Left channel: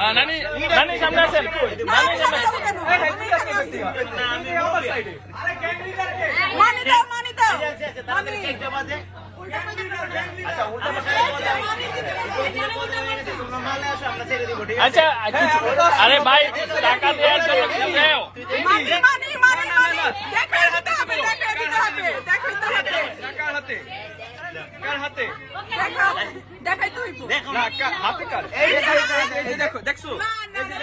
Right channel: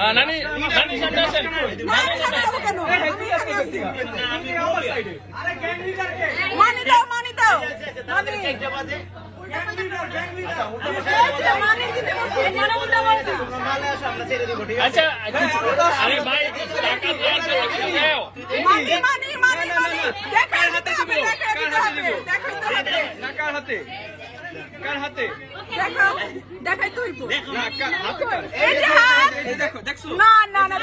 নানি নানি সামনে আসেন। মানি দাও মানি দাও মানি আচ্ছা আরে ভাই মানি মানি মানি মানি দেখাতে হবে দেখাতে হবে কার হাতে কার হাতে দেখাই তুই না হাতে কার এই দেখো দেখছো না না না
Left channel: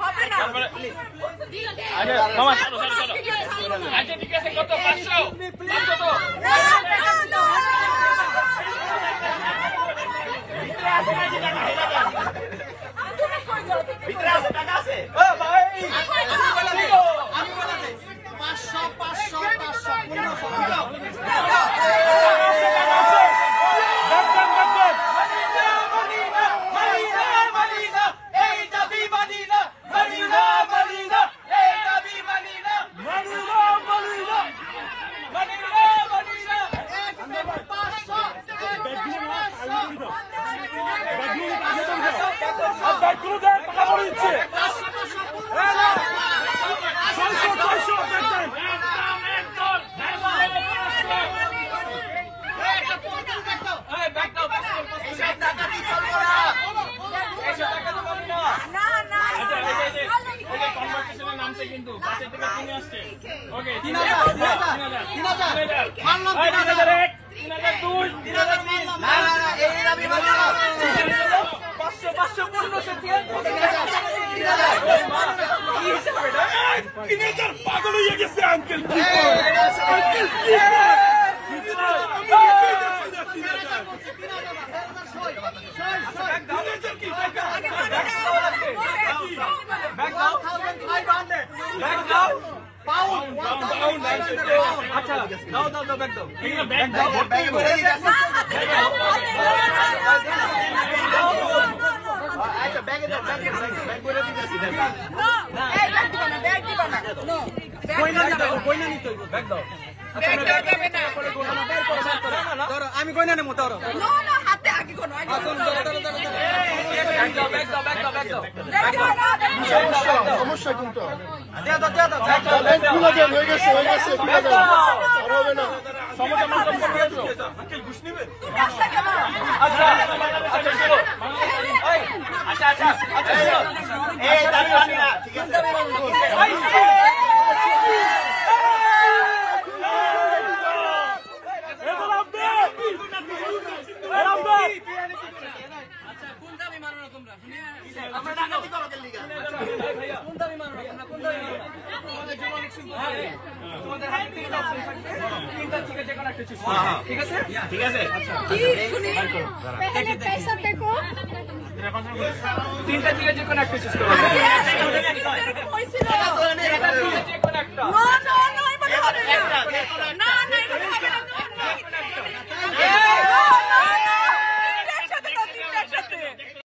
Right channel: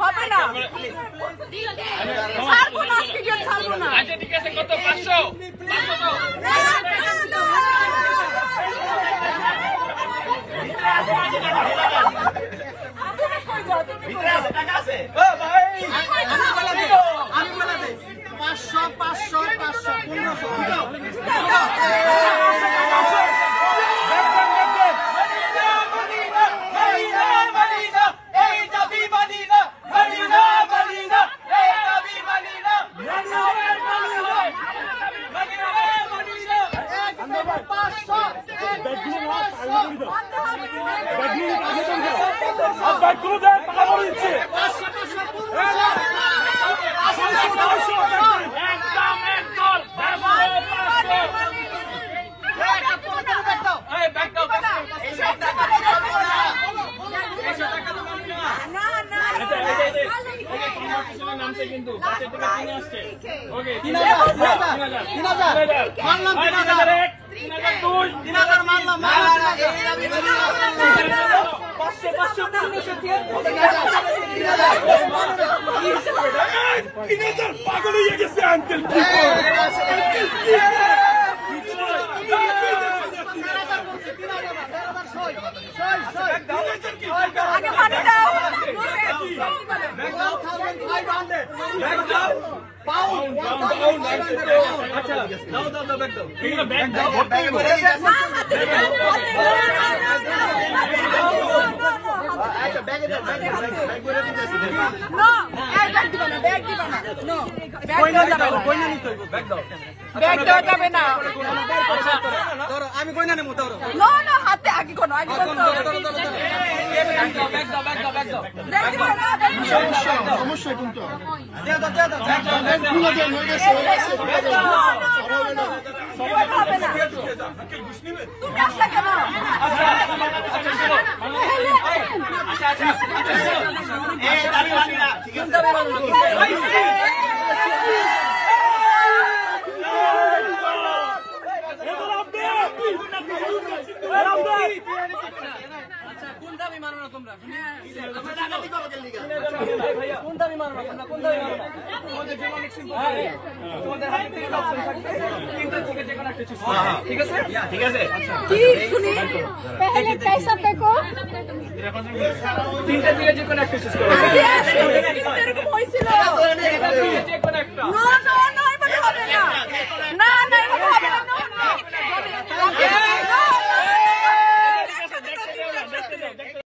হবে না আচ্ছা ঠিক আছে কত 500 তো কিন্তু পাগল হয়ে গেছে আঙ্কেল আমি কইনা নেবো ধরো হাতে আগে কোনো অবশ্যই কিন্তু ঠিক আছে ঠিক আছে তিনটা থেকে যে কোনো একটা চুজ করো